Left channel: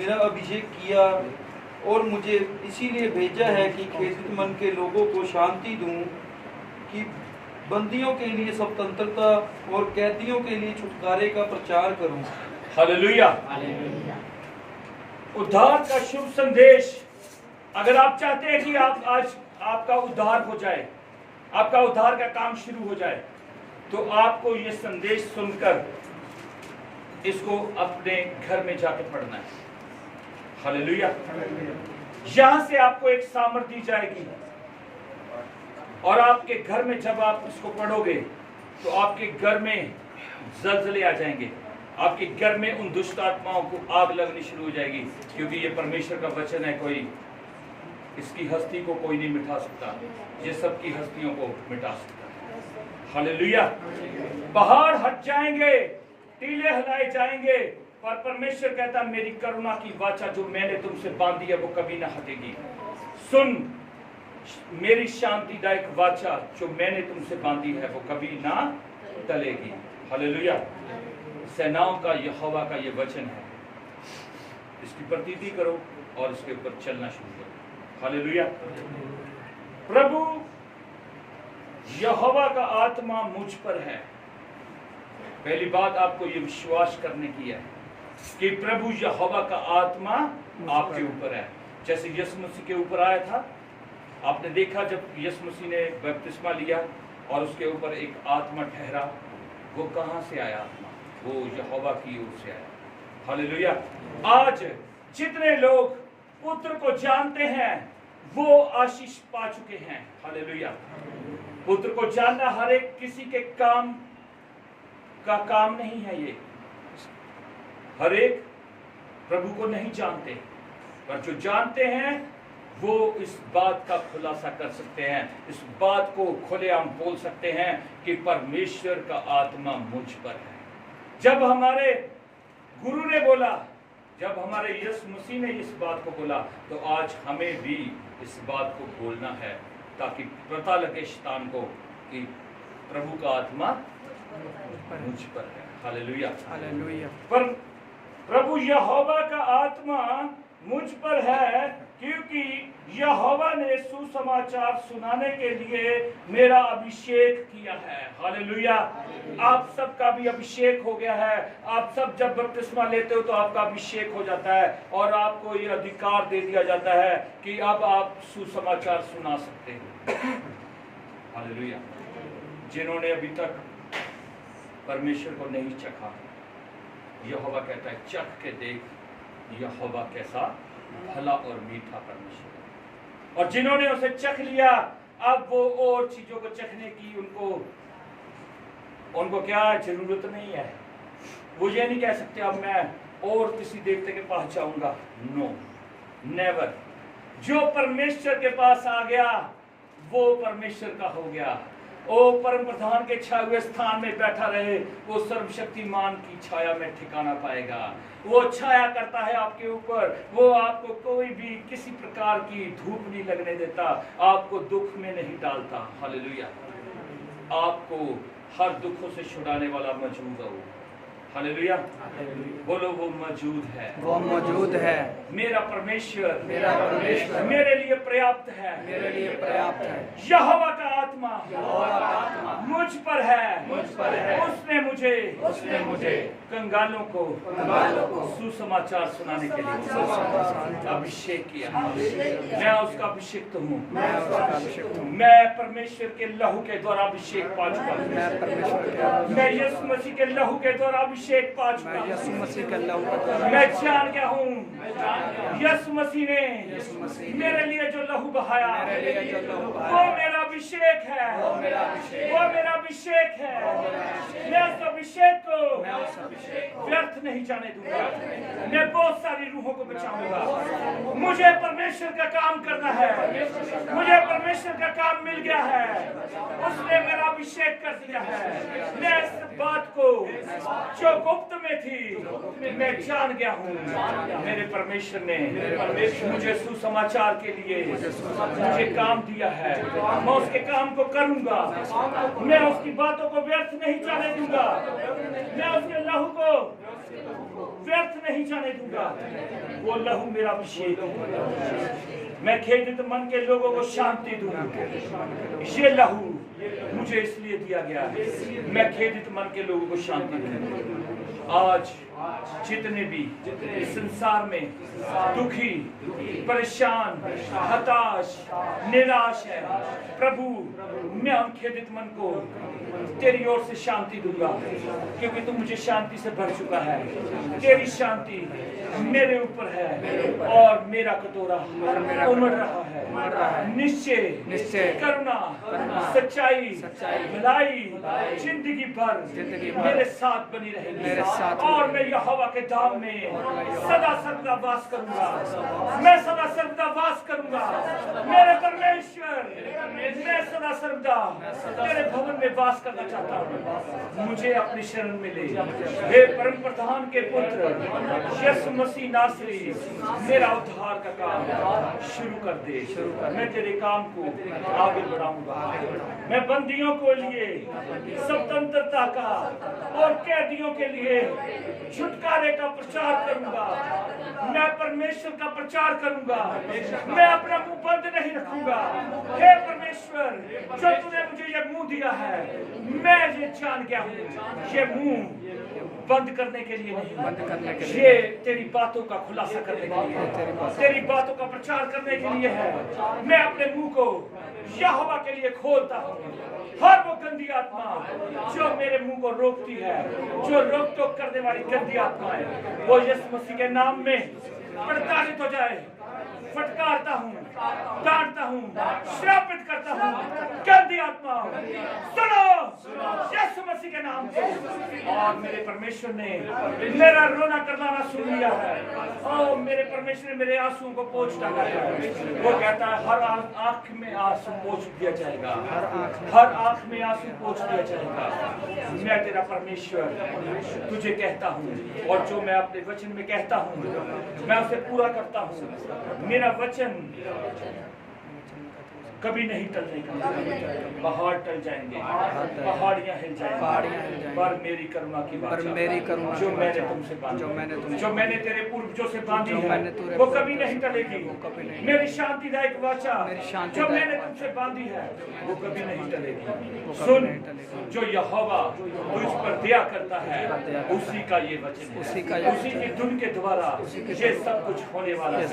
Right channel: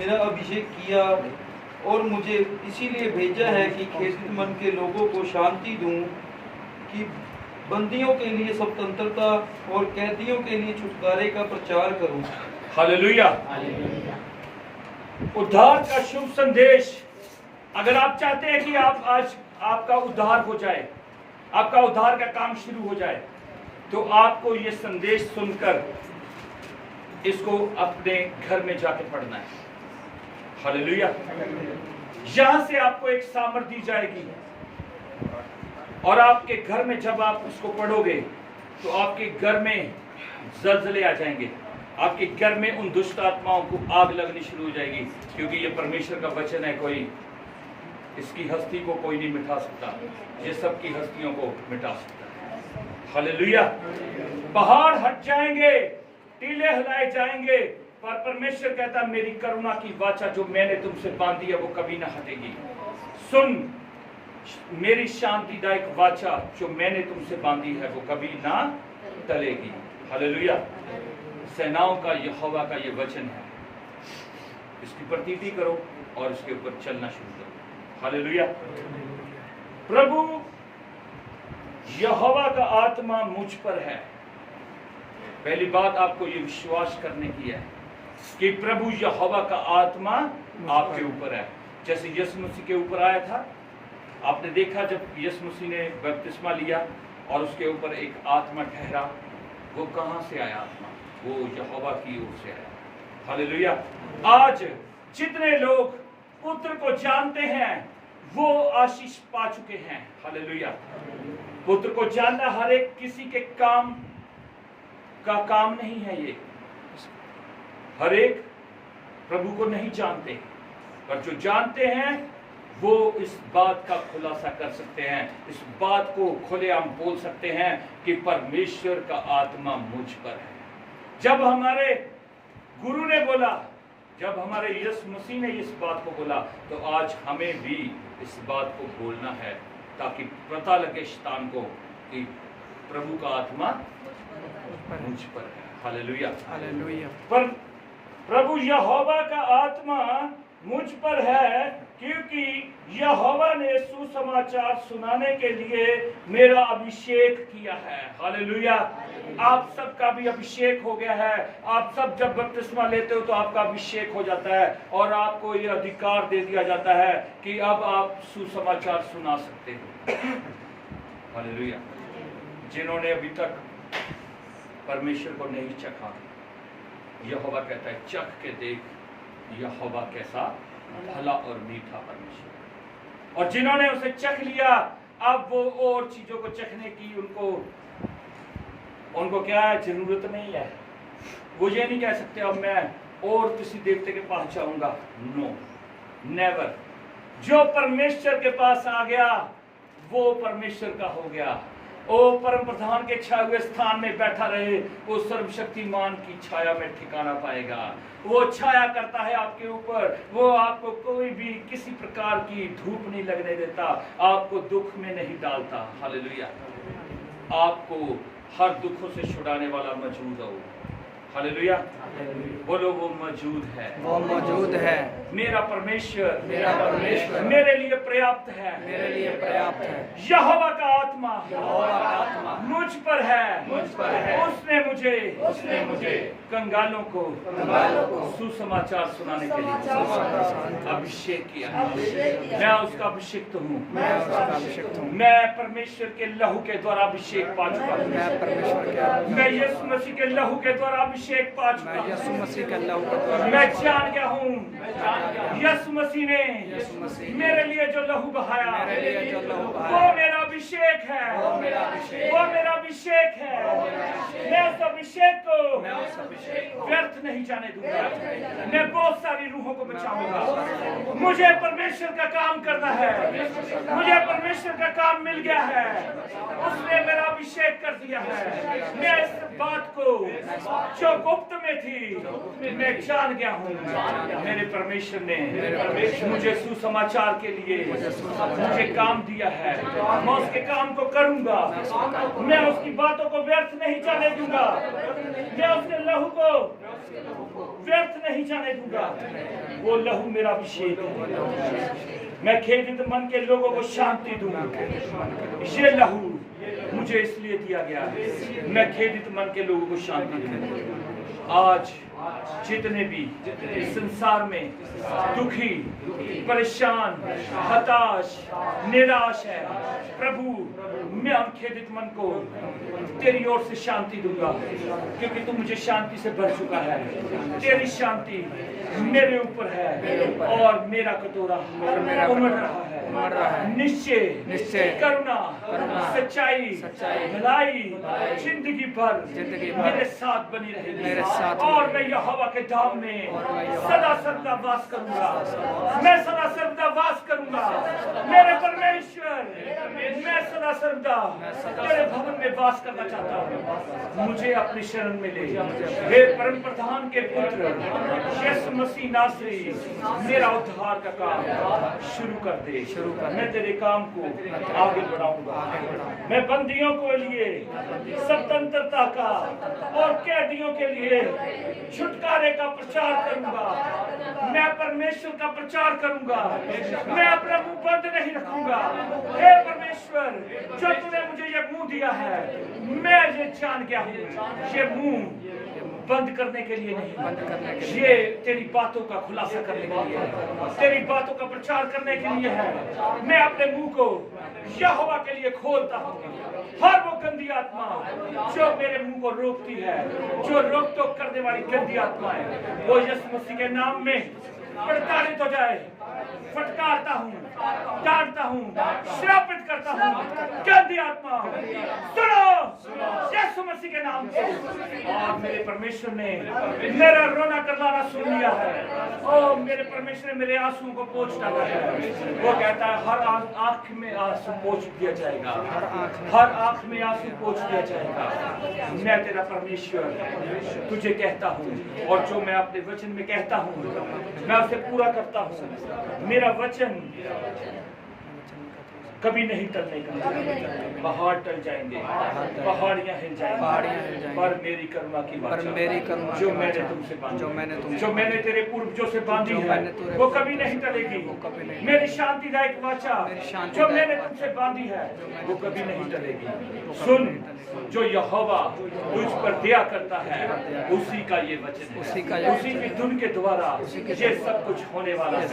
मेरा अभिषेक किया और मुझे इसीलिए भेजा है कि खेदित मन के लोगों को शांति दूं, कि बंदियों के लिए स्वतंत्रता और कैदियों के लिए छुटकारे का प्रचार करूं। हालेलुया। उद्धार का शुभ संदेश। अगर आप चाहते हैं कि आप आज आपका उद्धार हो जाए, आपका उद्धार का काम शुरू हो जाए, तो आपको यह संदेश सुनकर इसको अपने घर में जाकर पढ़ना है। हालेलुया। यहां से आपको एक सामर्थ दी जाएगी और आपके घर में जब आप इसको पढ़ोगे तो आपके घर में जलजले आ जाएंगे, आपके घर में उन दुष्ट आत्माओं को आग लगनी शुरू हो जाएगी, क्योंकि ये परमेश्वर का वचन है। कोई इसकी हस्ती को कोई नहीं मिटा सकता, ये सबकी हस्तियों को मिटा सकता है। हालेलुया। पहाड़ हट जाएंगे, टीले हिलाए जाएंगे, पर परमेश्वर कहता मेरी करुणा की वाचा जो मैंने तुमसे बांधी है वो कभी ना हटेगी। सुन, मेरी शांतिदायक वाचा जो मैंने तुमसे बांधी है वो कभी ना टलेगी। हालेलुया। सेनाओं का यहोवा का ये वचन है, इसकी प्रतीति करो और इसके ऊपर चलना शुरू करो। हालेलुया। प्रभु यहोवा का आत्मा मुझ पर है। पहली बात आपको ये विश्वास करने की है कि प्रभु यहोवा का आत्मा आपके ऊपर है। जैसे यीशु मसीह के ऊपर आया था, आपने देखा जब यीशु मसीह ने बपतिस्मा लिया और उसके ऊपर एक आत्मा ठहरा, वो कहां से आया आत्मा? वो यहोवा की ओर से आया। हालेलुया। आज जितने लोग पुत्र को जानते हैं वो आशीष पा चुके हैं। हालेलुया। पुत्र को जानना हर एक किसी के काम का काम नहीं है। ये हर एक प्रभु को नहीं जानते, पर जो जानते हैं वो इस बात का खुलासा कर सकते हैं, इस बात को खुलेआम बोल सकते हैं कि परमेश्वर का आत्मा मुझ पर है। जब हमारे गुरु ने बोला, जब हमारे यीशु मसीह ने इस बात को बोला, तो आज हमें भी इस बात को बोलना है, ताकि पता लगे शैतान को कि प्रभु का आत्मा मुझ पर है। हालेलुया। हालेलुया। पर प्रभु यहोवा का आत्मा मुझ पर है, क्योंकि यहोवा ने सुसमाचार सुनाने के लिए मेरा अभिषेक किया है। हालेलुया। आप सबका भी अभिषेक हो गया है। आप सब जब बपतिस्मा लेते हो तो आपका अभिषेक हो जाता है और आपको ये अधिकार दे दिया जाता है कि अब आप सुसमाचार सुना सकते हो। हालेलुया। जिन्होंने अभी तक परमेश्वर को नहीं चखा, यहोवा कहता है चख के देख यहोवा कैसा भला और मीठा परमेश्वर है। और जिन्होंने उसे चख लिया, अब वो और चीजों को चखने की उनको क्या है, जरूरत नहीं है। वो ये नहीं कह सकते अब मैं और किसी देवते के पास जाऊंगा। No, never. जो परमेश्वर के पास आ गया वो परमेश्वर का हो गया। ओ परम प्रधान के छाए हुए स्थान में बैठा रहे, वो सर्वशक्तिमान की छाया में ठिकाना पाएगा। वो छाया करता है आपके ऊपर, वो आपको कोई भी किसी प्रकार की धूप नहीं लगने देता, आपको दुख में नहीं डालता। हालेलुया। आपको हर दुखों से छुड़ाने वाला मौजूद हो। हालेलुया। बोलो वो मौजूद है, वो मौजूद है। मेरा परमेश्वर, मेरा परमेश्वर मेरे लिए पर्याप्त है, मेरे लिए पर्याप्त है। यहोवा का आत्मा, यहोवा का आत्मा मुझ पर है, मुझ पर है। उसने मुझे कंगालों को सुसमाचार सुनाने के लिए अभिषेक किया। मैं उसका अभिषिक्त हूँ, मैं उसका अभिषिक्त हूँ। मैं परमेश्वर के लहू के द्वारा अभिषेक पा चुका हूँ। मैं परमेश्वर के मैं यीशु मसीह के लहू के द्वारा अभिषेक पा चुका मैं हूँ। यीशु मसीह के लहू के द्वारा मैं जान गया हूँ यीशु मसीह यीशु मसीह ने ने मेरे लिए जो लहू बहाया, मेरे लिए जो लहू वो बहाया, मेरा अभिषेक है, वो मेरा अभिषेक वो मेरा अभिषेक है। मैं उस अभिषेक मैं उस अभिषेक को को व्यर्थ नहीं जाने दूंगा। मैं बहुत सारी रूहों को बचाऊंगा। मुझे परमेश्वर का काम करना है, मुझे परमेश्वर का काम मिल गया है, उसने मेरा अभिषेक कर दिया है। मैं इस बात को जो गुप्त में थी मैं जान गया हूँ। मेरे परमेश्वर ने मुझे सुसमाचार के लिए मुझे काम दिया है। मैं उसके काम को करूंगा, मैं उसकी बातों को व्यर्थ नहीं जाने दूंगा, मैं उसके लहू को व्यर्थ नहीं जाने दूंगा। वो लहू मेरा अभिषेक है। मैं खेदित मन के लोगों को शांति दूंगा। ये लहू मुझे इसलिए दिया गया है, मैं खेदित मन के लोगों को शांति दूंगा। आज जितने भी इस संसार में दुखी, परेशान, हताश, निराश है, प्रभु मैं उन खेदित मन को तेरी ओर से शांति दूंगा, क्योंकि तू मुझे शांति से भर चुका है। तेरी शांति मेरे ऊपर है और मेरा कटोरा उमड़ रहा है। निश्चय करुणा सच्चाई भलाई जिंदगी भर मेरे साथ बनी रहेगी और मैं यहोवा के धाम में सदा सर्वदा वास करूंगा। मैं सदा सर्वदा वास करूंगा। मेरे परमेश्वर मैं सदा सर्वदा तेरे भवन में वास करना चाहता हूँ। मुझे अपनी शरण में ले। हे परम प्रधान के पुत्र यीशु मसीह नासरी, मेरा उद्धार का काम शुरू कर दे। मैं तेरे काम को आगे बढ़ाऊंगा। मैं बंदियों को लिए स्वतंत्रता का और कैदियों के लिए छुटकारे का प्रचार करूंगा। मैं परमेश्वर का प्रचार करूंगा। मैं अपना मुंह बंद नहीं रखूंगा। हे परमेश्वर, जो तूने मुझे ये मुंह दिया है, मैं ये जान गया हूँ, ये मुंह बंद करने के लिए नहीं, ये तेरी बातों का खुलासा करने के लिए, तेरी बातों का प्रचार करने के लिए है। मैं अपने मुंह को यहोवा के लिए खोलता हूँ। हर वो गंदी आत्मा जो मेरे मुंह को रोकती है, जो रोक टोक करने वाली गंदी आत्मा है, वो यीशु मसीह के नाम में प्रताड़ित हो जाए। फटकारता हूँ, डांटता हूँ, श्रापित करता हूँ। गंदी आत्मा सुनो यीशु मसीह के नाम से। और मेरे परमेश्वर ने मेरा रोना करना सुन लिया है। और मेरे परमेश्वर ने मेरे आंसुओं को पोंछ डाला है। वो कहता है हर आंख में आंसू पोंछ दिया जाएगा। हर आंख में आंसू पोंछ दिया जाएगा। मैं तेरा परमेश्वर तुझे कहता हूँ, और जो मैं अपने वचन में कहता हूँ मैं उसे पूरा करता हूँ। मेरा वचन कभी नहीं टलने का। पहाड़ टल जाएंगे, पहाड़ियाँ हिल जाएंगी, पर मेरी करुणा की वाचा जो मैंने तुमसे बांधी, जो मैंने तेरे पूर्वजों से बांधी है, वो कभी नहीं टलेगी। मेरी शांतिदायक वाचा जो मैंने तुमसे बांधी है, वो कभी नहीं टलेगी। सुन, जो यहोवा तुझ पर दया करता है, उसी का ये वचन है, उसी की धुन के द्वारा ये सब कुछ होने वाला है।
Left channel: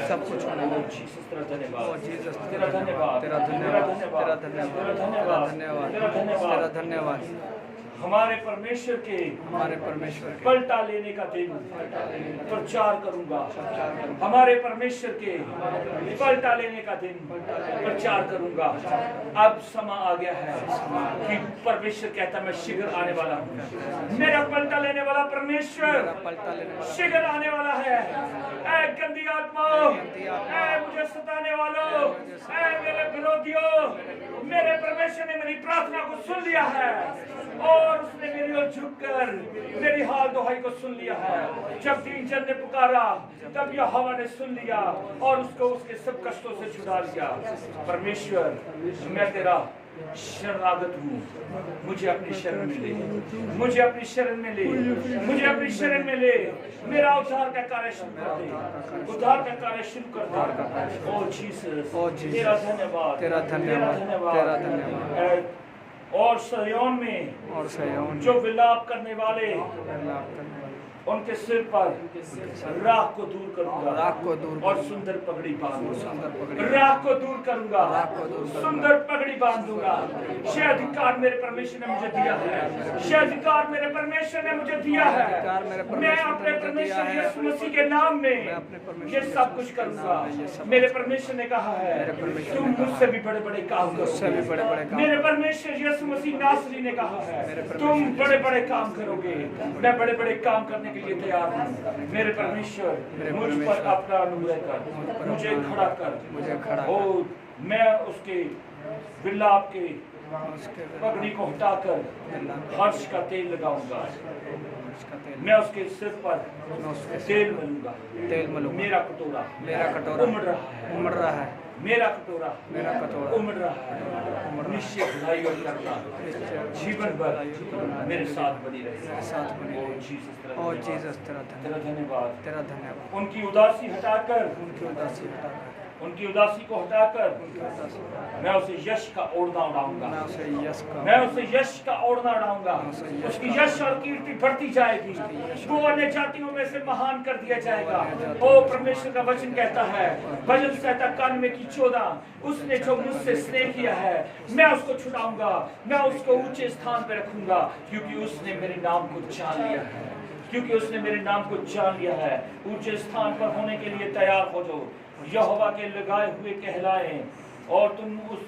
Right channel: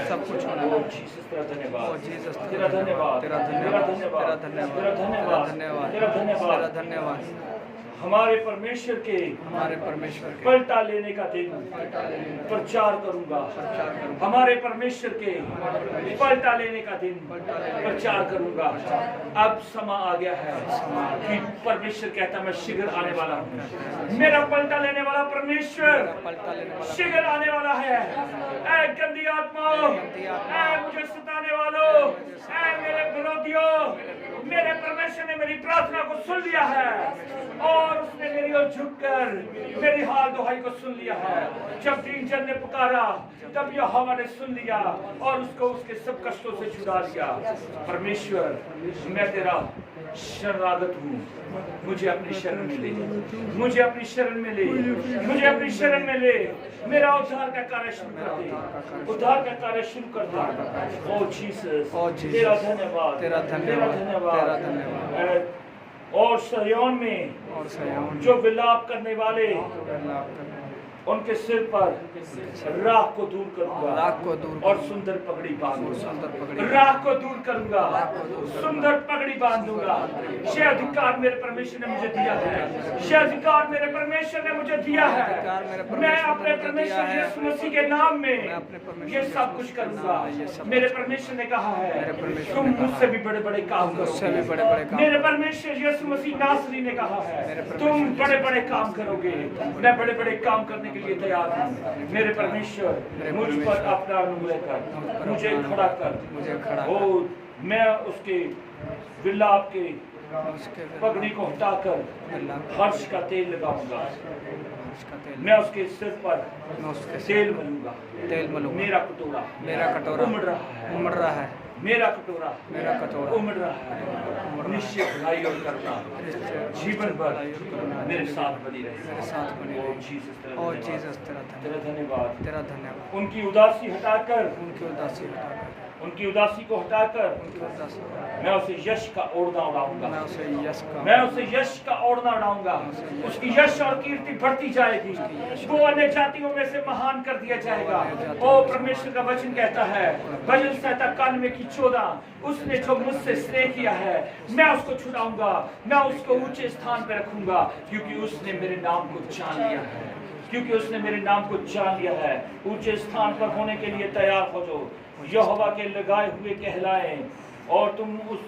तेरा धन्यवाद, तेरा धन्यवाद, तेरा धन्यवाद। हमारे परमेश्वर के पलटा लेने का दिन प्रचार करूंगा। हमारे परमेश्वर के पलटा लेने का दिन प्रचार करूंगा। अब समय आ गया है कि परमेश्वर कहता मैं शीघ्र आने वाला हूँ। मेरा पलटा लेने वाला परमेश्वर शीघ्र आने वाला है। ऐ गंदी आत्माओं, ऐ मुझे सताने वालों, ऐ मेरे विरोधियों, मेरे परमेश्वर ने मेरी प्रार्थना को सुन लिया है और उसने मेरी ओर झुककर मेरी हाल दुहाई को सुन लिया है। जब दीन जन ने पुकारा, तब यहोवा ने सुन लिया और उसको उसके सब कष्टों से छुड़ा लिया। परमेश्वर, मैं तेरा शरणागत हूँ, मुझे अपनी शरण में ले, मुझे अपनी शरण में ले, मुझे अपनी शरण में ले। मेरा उद्धार का कार्य शुरू कर दे, उद्धार का कार्य शुरू कर दे। ओ जीसस, तेरा धन्यवाद, तेरा धन्यवाद। और सयोन में जो विलाप करने वाले, उनके सिर पर राख को दूर करूंगा और सुंदर पगड़ी बांधूंगा। राख को दूर करूंगा, सुंदर पगड़ी बांधूंगा। ये अधिकार मेरे परमेश्वर ने मुझे दिया है। ये अधिकार मेरे परमेश्वर ने मुझे दिया है। मैं अपने परमेश्वर यीशु मसीह के नाम में ये सब कुछ करूंगा। मेरे परमेश्वर ने कहा है तुम मुझसे भी बड़े बड़े काम करोगे। मेरे परमेश्वर यीशु मसीह नासरी ने कहा है तुम बड़े बड़े काम करोगे। मैं बड़े बड़े काम करने के लिए तैयार हूँ। मेरे परमेश्वर मुझ पर अपना अनुग्रह कर, मुझे खड़ा कर। ओ मैं उसके विलाप के पगड़ी को हटाकर हर्ष का तेल लगाऊंगा। मैं उसके सिर पर तेल मलूंगा। मेरा कटोरा उमड़ रहा है। मेरा कटोरा उमड़ रहा है, उमड़ रहा है। निश्चय भलाई और करुणा जीवन भर मेरे साथ बनी रहे। और जीसस तेरा धन्यवाद। धन्यवाद। उनकी उदासी हटाकर उनकी उदासी हटाकर उनकी उदासी को हटाकर उनकी उदासी मैं उसे यश का ओढ़ना उड़ाऊंगा। मैं उसे यश का मैं उसे यश का ओढ़ना उड़ाऊंगा। उसकी यश और कीर्ति बढ़ती जाएगी। वो अन्य जातियों में से महान कर दिया जाएगा। ओ परमेश्वर का वचन कहता है, भजन संहिता 91:14, उसने जो मुझसे स्नेह किया है मैं उसको छुड़ाऊंगा, मैं उसको ऊंचे स्थान पर रखूंगा, क्योंकि उसने मेरे नाम को जान लिया है। क्योंकि उसने मेरे नाम को जान लिया है। ऊंचे स्थान पर होने के लिए तैयार हो जाओ। यहोवा के लगाए हुए कहलाएं, और तुम उस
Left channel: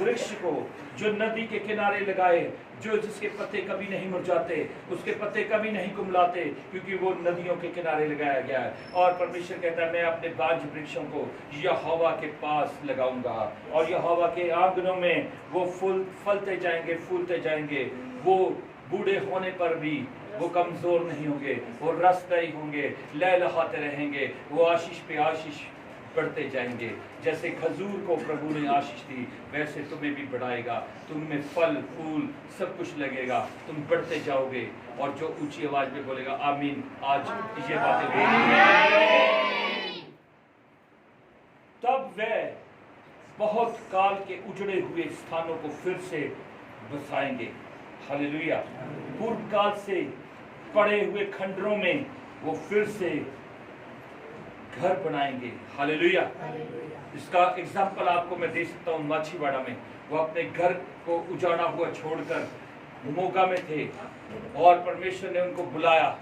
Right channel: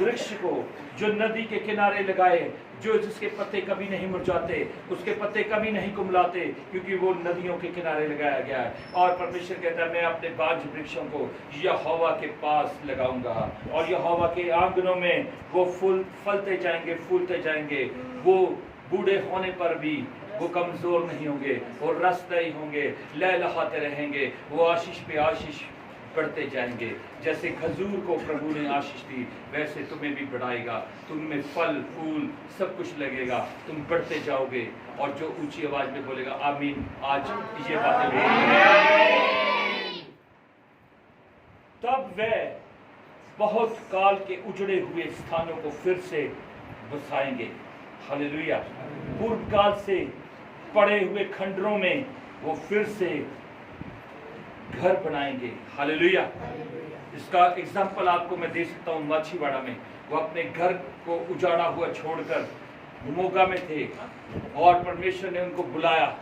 वृक्ष को जो नदी के किनारे लगाए, जो जिसके पत्ते कभी नहीं मुरझाते, उसके पत्ते कभी नहीं कुमलाते, क्योंकि वो नदियों के किनारे लगाया गया है। और परमेश्वर कहता है मैं अपने बांझ वृक्षों को यहोवा के पास लगाऊंगा, और यहोवा के आंगनों में वो फूल फलते जाएंगे, फूलते जाएंगे। वो बूढ़े होने पर भी वो कमजोर नहीं होंगे, वो रसदायी होंगे, लहलहाते रहेंगे। वो आशीष पे आशीष बढ़ते जाएंगे। जैसे खजूर को प्रभु ने आशीष दी, वैसे तुम्हें भी बढ़ाएगा। तुम में फल फूल सब कुछ लगेगा, तुम बढ़ते जाओगे। और जो ऊंची आवाज में बोलेगा आमीन, आज ये बातें तब वह बहुत काल के उजड़े हुए स्थानों को फिर से बसाएंगे। हालेलुया। पूर्व काल से पड़े हुए खंडरों में वो फिर से घर बनाएंगे। हालेलुया। इसका एग्जाम्पल आपको मैं दे सकता हूँ। माछीवाड़ा में वो अपने घर को उजाड़ा हुआ छोड़कर मोगा में थे, और परमेश्वर ने उनको बुलाया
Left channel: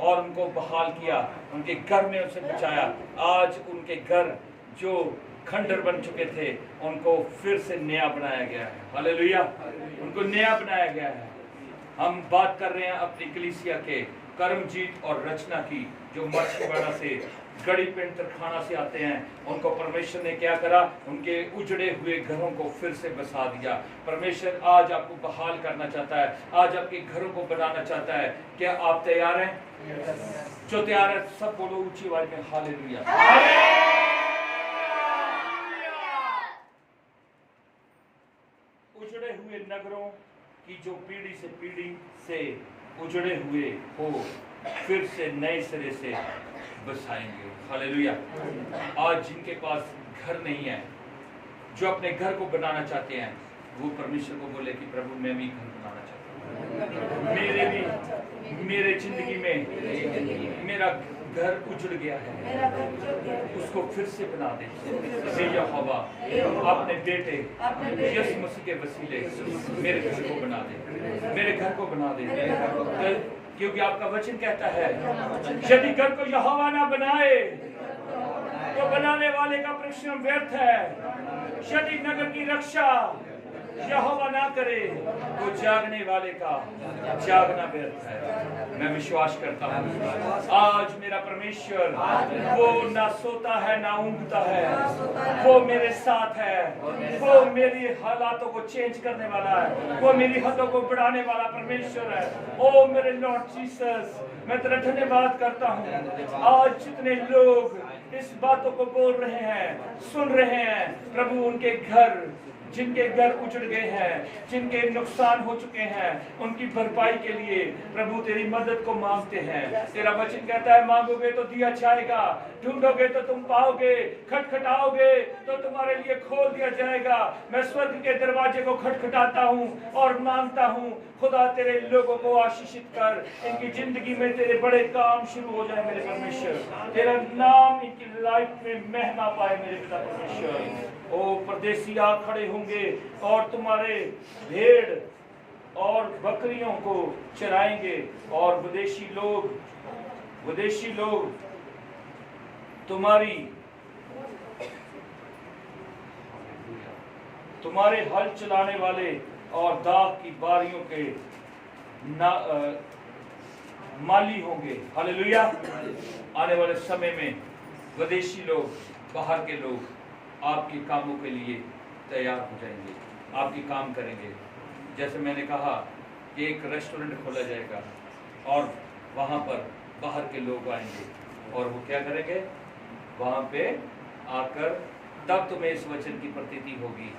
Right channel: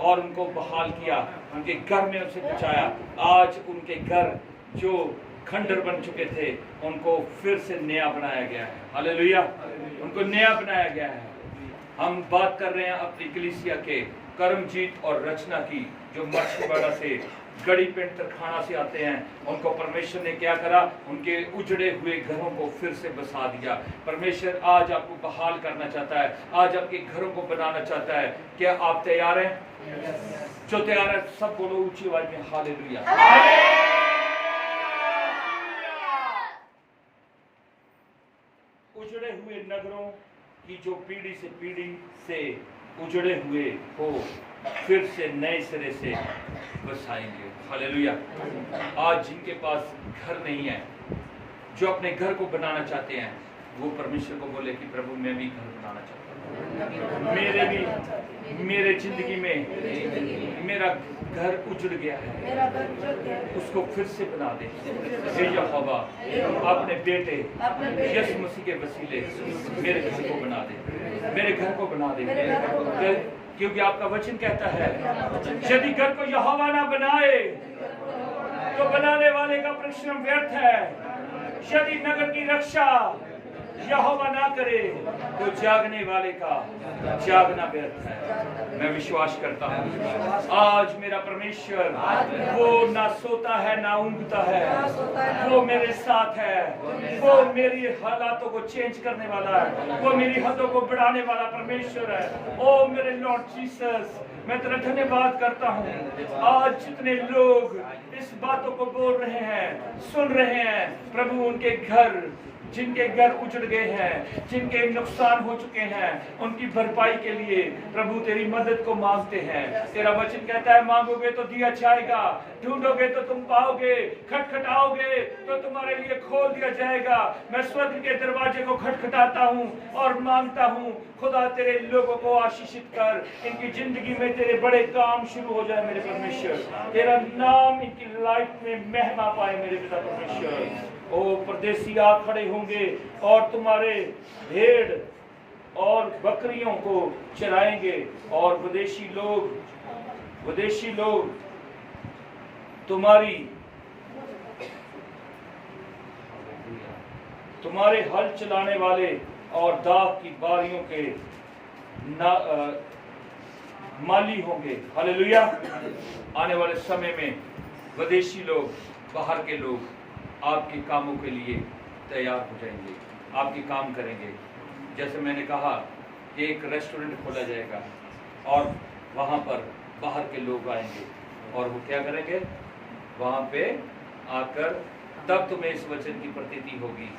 और उनको बहाल किया, उनके घर में उसे बचाया। आज उनके घर जो खंडर बन चुके थे उनको फिर से नया बनाया गया है। हालेलुया। उनको नया बनाया गया है। हम बात कर रहे हैं अपनी कलीसिया के कर्मजीत और रचना की, जो माछीवाड़ा से गड़ी पिंड तरखाना से आते हैं। उनको परमेश्वर ने क्या करा? उनके उजड़े हुए घरों को फिर से बसा दिया। परमेश्वर आज आपको बहाल करना चाहता है, आज आपके घरों को बनाना चाहता है। क्या आप तैयार हैं? जो तैयार है सब बोलो ऊंची आवाज में हालेलुया। उजड़े हुए नगरों की जो पीढ़ी से पीढ़ी से उजड़े हुए हो, फिर से नए सिरे से बसाएंगे। हालेलुया। आज जिनके पास घर नहीं है, जो अपने घर को बनाना चाहते हैं, वो परमेश्वर को बोले कि प्रभु मैं भी घर बनाना चाहता हूँ। मेरे जिंदगी में मेरा घर उजड़ गया है, उसको फिर से बना दे। यहोवा अपने बेटे यीशु मसीह के वसीले मेरे घर को बना दे, मेरे घर को बना दे। क्योंकि आपका वचन कहता है यदि घर को यहोवा ना बनाए तो बनाने वाले का परिश्रम व्यर्थ है। यदि नगर की रक्षा यहोवा ना करे तो जागने वाले का जागना व्यर्थ है। मैं विश्वास करता हूँ आज मेरा परमेश्वर वो ना सोता है ना ऊँघता है, वो मेरे साथ है। वो मेरी हालातों को चेंज करने वाला है, वो मेरी हदों को बढ़ाने वाला परमेश्वर है। ओ मेरे लॉर्ड जीसस, मैं तेरा धन्यवाद करता हूँ। आज जितने लोग इस बातों को बोल रहे हैं, सुन रहे हैं, प्रभु उनके घर, जिनके घर उजड़ गए हैं, जिनके नुकसान हो चुके हैं, उनकी भरपाई के लिए प्रभु तेरी मदद को मांगते हैं। तेरा वचन कहता है मांगोगे तो दिया जाएगा, ढूंढोगे तो तुम पाओगे, खटखटाओगे तो तुम्हारे लिए खोल दिया जाएगा। मैं स्वर्ग के दरवाजे को खटखटाता हूँ और मांगता हूँ, खुदा तेरे लोगों को आशीषित कर, इनकी जिंदगी में तेरे बड़े काम शुरू हो जाए मेरे परमेश्वर। तेरा नाम इनकी लाइफ में महिमा पाए मेरे पिता परमेश्वर। ओ परदेसी आ खड़े होंगे और तुम्हारे भेड़ और बकरियों को चराएंगे, और विदेशी लोग तुम्हारे हल चलाने वाले और दाख की बारियों के माली होंगे। हालेलुया। आने वाले समय में विदेशी लोग, बाहर के लोग आपके कामों के लिए तैयार हो जाएंगे, आपके काम करेंगे। जैसे मैंने कहा कि एक रेस्टोरेंट खोला जाएगा और वहाँ पर बाहर के लोग आएंगे और वो क्या करेंगे? वहाँ पे आकर तब तुम्हें इस वचन की प्रतीति होगी।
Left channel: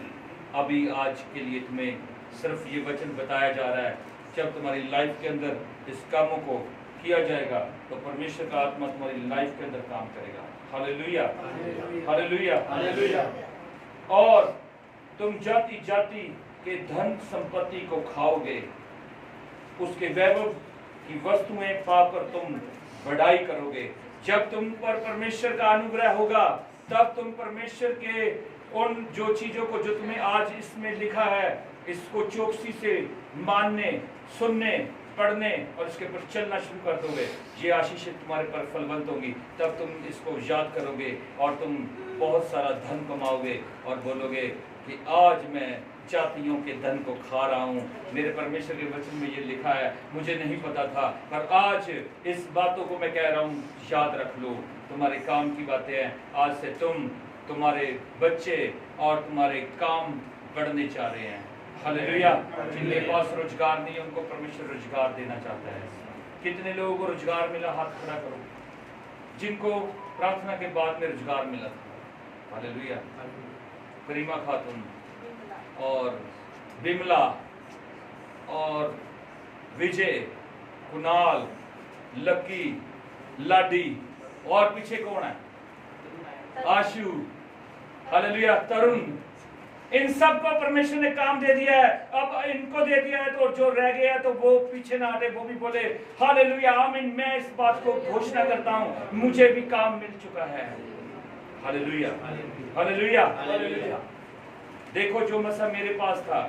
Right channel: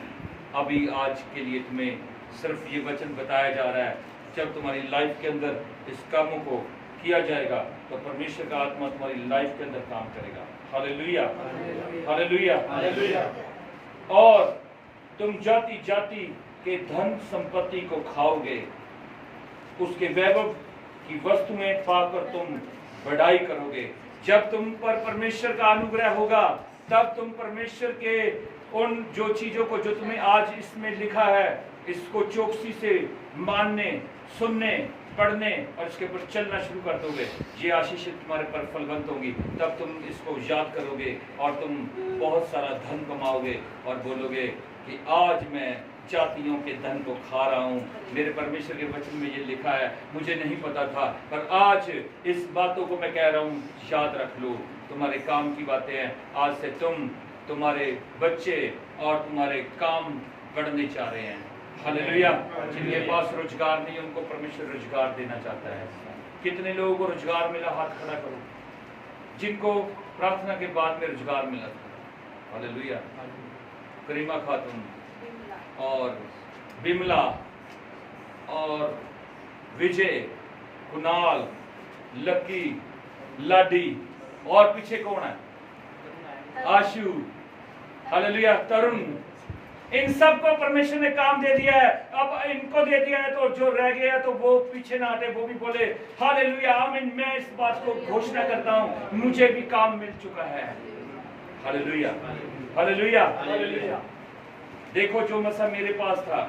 अभी आज के लिए तुम्हें सिर्फ ये वचन बताया जा रहा है। जब तुम्हारी लाइफ के अंदर इस कामों को किया जाएगा तो परमेश्वर का आत्मा तुम्हारी लाइफ के अंदर काम करेगा। Hallelujah, hallelujah, hallelujah. और तुम जाति जाति के धन संपत्ति को खाओगे, उसके वैभव की वस्तुएं पाकर तुम बढ़ाई करोगे। जब तुम पर परमेश्वर का अनुग्रह होगा तब तुम परमेश्वर के उन जो चीजों को जो तुम्हें आज इसमें लिखा है इसको चौकसी से मानने, सुनने, पढ़ने और इसके ऊपर चलना शुरू कर दोगे। ये आशीषें तुम्हारे पर फलवंत होंगी। तब तुम इसको याद करोगे और तुम बहुत सारा धन कमाओगे और बोलोगे कि आज मैं जातियों के धन को खा रहा हूँ। मेरे परमेश्वर के वचन में ये लिखा है, मुझे नहीं पता था, पर आज इस बातों को मैं कह रहा हूँ, याद रख लो। तुम्हारे काम की बातें हैं। आज से तुम, तुम्हारे बच्चे और तुम्हारे काम बढ़ने चाह रहे हैं। हालेलुया। जिनके पास रोजगार नहीं, उनको परमेश्वर रोजगार देना चाहता है। कितने लोगों को रोजगार मिला? हाथ खड़ा करो। जिनको प्रार्थना के बाद में रोजगार मिला था। हालेलुया। करीमा खातून और बिमला और विजय, कुणाल, लकी, लाडी और पीछे कौन है? आशु, हालेलुया, तरुण। इन सब को परमेश्वर ने काम दे दिया है। अब इनको दे दिया है तो जो रह गया तो वो पीछे ना हटे, वो भी बोले हालेलुया, आमीन। मैं इस बात को घोषणा करता हूँ, मुझे भी काम मिल चुका है। Hallelujah, hallelujah, hallelujah. देखो जो मसा मेरे पास था,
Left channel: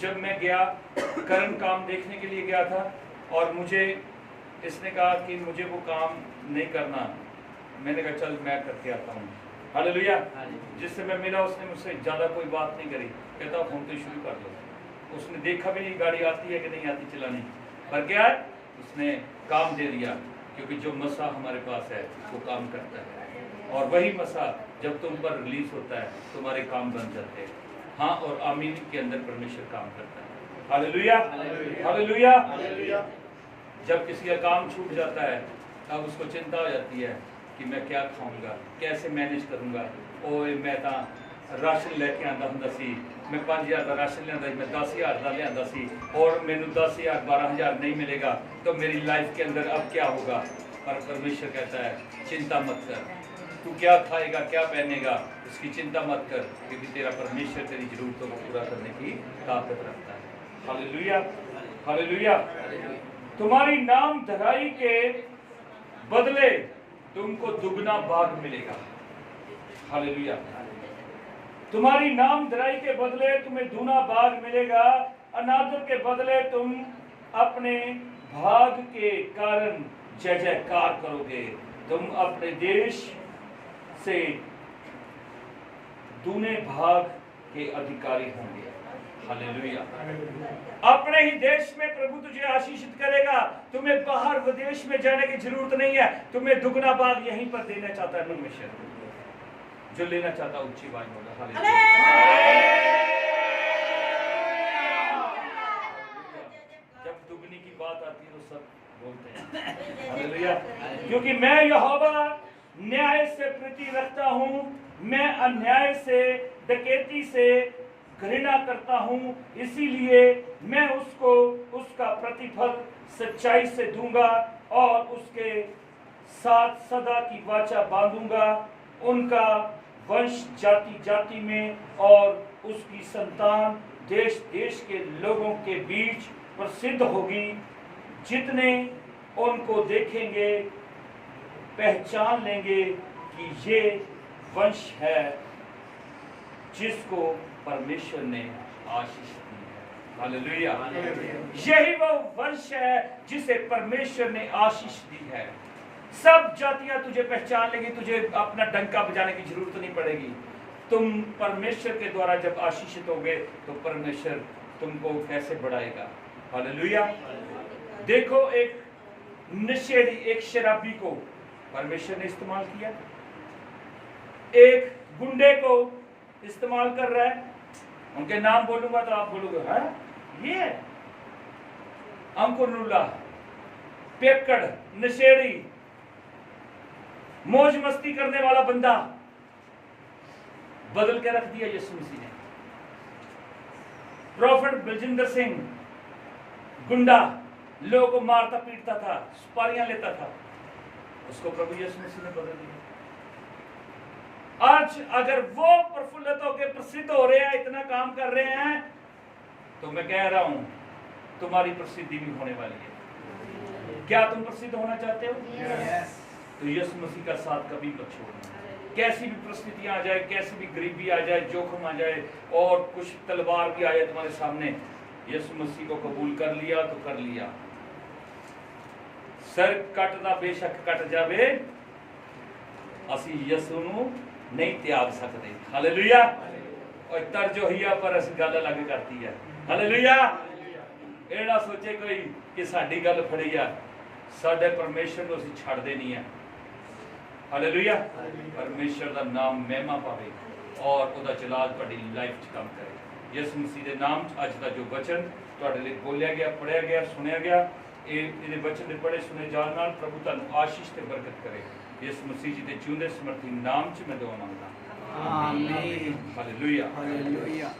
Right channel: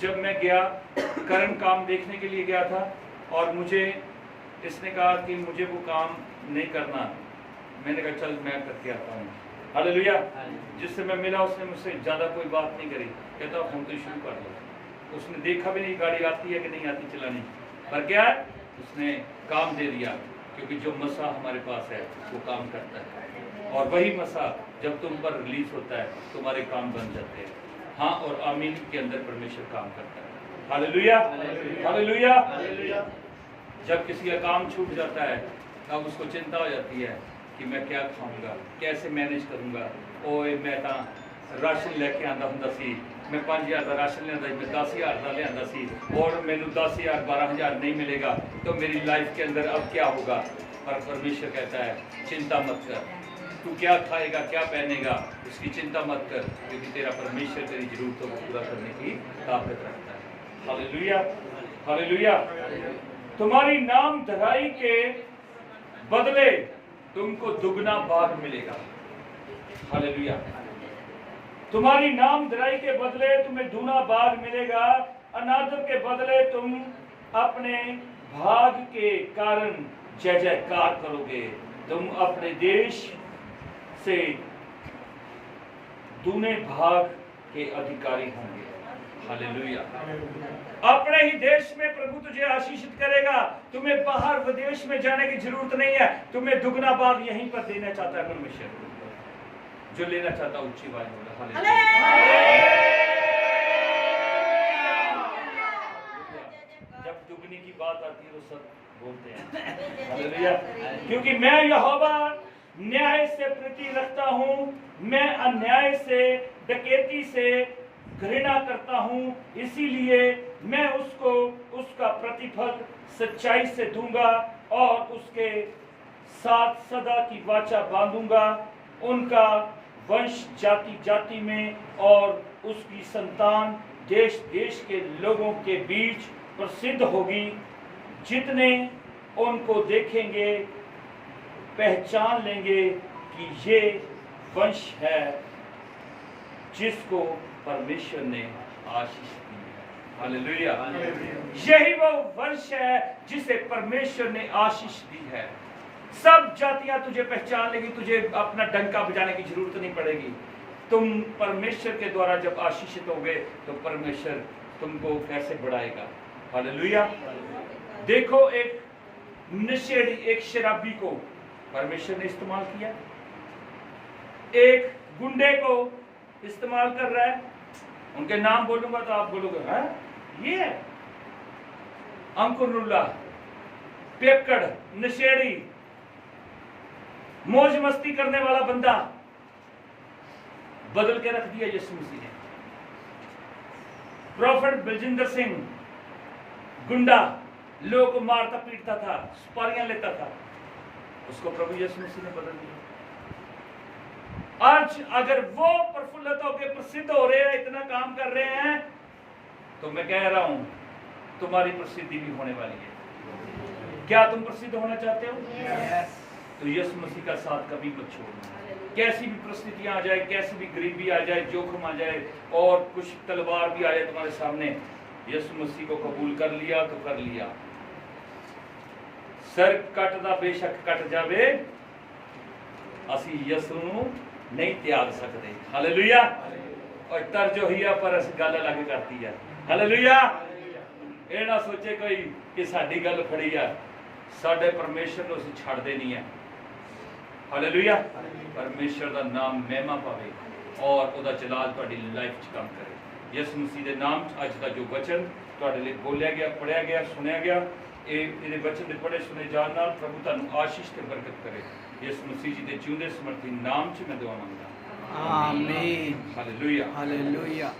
जब मैं गया कर्म काम देखने के लिए गया था और मुझे इसने कहा कि मुझे वो काम नहीं करना। मैंने कहा चल मैं करके आता हूँ। हालेलुया। जिससे मैं मिला उसने मुझसे ज़्यादा कोई बात नहीं करी। कहता फोन तो शुरू कर लो। उसने देखा भी नहीं गाड़ी आती है कि नहीं आती चलानी, पर क्या है उसने काम दे दिया, क्योंकि जो मसा हमारे पास है वो काम करता है। और वही मसा जब तुम पर रिलीज होता है तुम्हारे काम बन जाते हैं। हाँ, और आमीन के अंदर परमेश्वर काम करता है। Hallelujah, hallelujah, hallelujah. जब किसी का काम छूट जाता है तब उसको चिंता हो जाती है कि मैं क्या खाऊंगा, कैसे मैनेज करूंगा। ओए मैं तो राशन लेके आंदा हुंदा सी, मैं 5000 का राशन लिया, मैं 10,000 का लिया सी और मैंने 10,000 12,000 नहीं मिलेगा तो मेरी लाइफ के अंदर अब क्या होगा। पर परमेश्वर कहता है चिंता मत कर, तू क्या खाएगा क्या पहनेगा उसकी चिंता मत कर, क्योंकि तेरा परमेश्वर तेरी जरूरतों को पूरा करने की ताकत रखता है। Hallelujah, hallelujah. तुम्हारी नाम धराई के बदले तुमको दुगना भाग मिलेगा। हालेलुया। तुम्हारी नाम धराई के बदले तुम्हें दूना भाग मिलेगा। अनादर के बदले तुम अपने भाग के कारण जय जयकार करोगे। तुम अपने देश से दूने भाग के अधिकारी होंगे। हालेलुया। अपने ही देश में प्रभु तुझे आशीषित करेगा। तुम्हें बाहर विदेश में जाने की जरूरत नहीं है। तुम्हें दुगना भाग यहीं पर देना चाहता है परमेश्वर। जो लेना चाहता ऊंची आवाज बोला हालेलुया। जब दुगनी की बात आती है तो सब बोलते हैं हालेलुया। क्योंकि मैं यहोवा न्याय से प्रीति रखता हूँ, मैं अन्याय से, डकैती से घृणा करता हूँ। इसीलिए मैं उसको उसका प्रतिफल सच्चाई से दूंगा और उसके साथ सदा की वाचा बांधूंगा। उनका वंश जाति जाति में और उसकी संतान देश देश के लोगों के बीच प्रसिद्ध होगी। जितने उनको देखेंगे पहचान लेंगे कि ये वंश है जिसको परमेश्वर ने आशीष दी है। हालेलुया। यही वो वंश है जिसे परमेश्वर ने आशीष दी है। सब जातियां तुझे पहचान लेगी, तुझे अपना डंका बजाने की जरूरत नहीं पड़ेगी। तुम परमेश्वर के द्वारा जब आशीषित होगे तो परमेश्वर तुमको कैसे बढ़ाएगा। हालेलुया। देखो एक नशेड़ी, एक शराबी को परमेश्वर ने इस्तेमाल किया, एक गुंडे को इस्तेमाल कर रहा है। उनके नाम बोलूंगा तो आप बोलोगे हाँ ये है अंकुरुल्ला, पेकड़, नशेड़ी, मौज मस्ती करने वाला बंदा। बदल के रख दिया यीशु मसीह ने। प्रॉफिट बलजिंदर सिंह गुंडा, लोगों को मारता पीटता था, सुपारियां लेता था, उसको प्रभु यीशु मसीह ने बदल दिया। आज अगर वो प्रफुल्लित होकर प्रसिद्ध हो रहे हैं, इतना काम कर रहे हैं, तो मैं कह रहा हूं तुम्हारी प्रसिद्धि भी होने वाली है। क्या तुम प्रसिद्ध होना चाहते हो? तो यीशु मसीह का साथ कभी मत छोड़ना। कैसी भी परिस्थितियां आ जाए, कैसी भी गरीबी आ जाए, जोखिम आ जाए और कुछ तलवार भी आ जाए तुम्हारे सामने, यीशु मसीह को कबूल कर लिया तो कर लिया। सर कटदा बेशक कट जावे, असी यीशु नूं नहीं त्याग सकते। हालेलुया। और तर्ज होई है पर अस गल अलग करती है। हालेलुया। ਇਹ ਨਾ सोचे कोई कि साडी गल फड़ी आ, साडे परमेश्वर ਨੂੰ ਅਸੀਂ ਛੱਡਦੇ ਨਹੀਂ ਆ। हालेलुया। परमेश्वर ਦਾ ਨਾਮ ਮਹਿਮਾ ਪਾਵੇ ਔਰ ਉਹਦਾ ਜਲਾਲ ਤੁਹਾਡੀ ਲਾਈਫ 'ਚ ਕੰਮ ਕਰੇ। ਯਿਸੂ ਮਸੀਹ ਦੇ ਨਾਮ 'ਚ ਅੱਜ ਦਾ ਜੋ ਵਚਨ ਤੁਹਾਡੇ ਲਈ ਬੋਲਿਆ ਗਿਆ, ਪੜਿਆ ਗਿਆ, ਸੁਣਿਆ ਗਿਆ, ਇਹਦੇ ਵਚਨ ਦੇ ਪੜੇ ਸੁਣੇ ਜਾਣ ਨਾਲ ਪ੍ਰਭੂ ਤੁਹਾਨੂੰ ਆਸ਼ੀਸ਼ ਤੇ ਬਰਕਤ ਕਰੇ। ਯਿਸੂ ਮਸੀਹ ਜੀ ਦੇ ਜਿਉਂਦੇ ਸਮਰਥੀ ਨਾਮ 'ਚ ਮੈਂ ਦੁਆ ਮੰਗਦਾ। आमीन। हालेलुया। हालेलुया।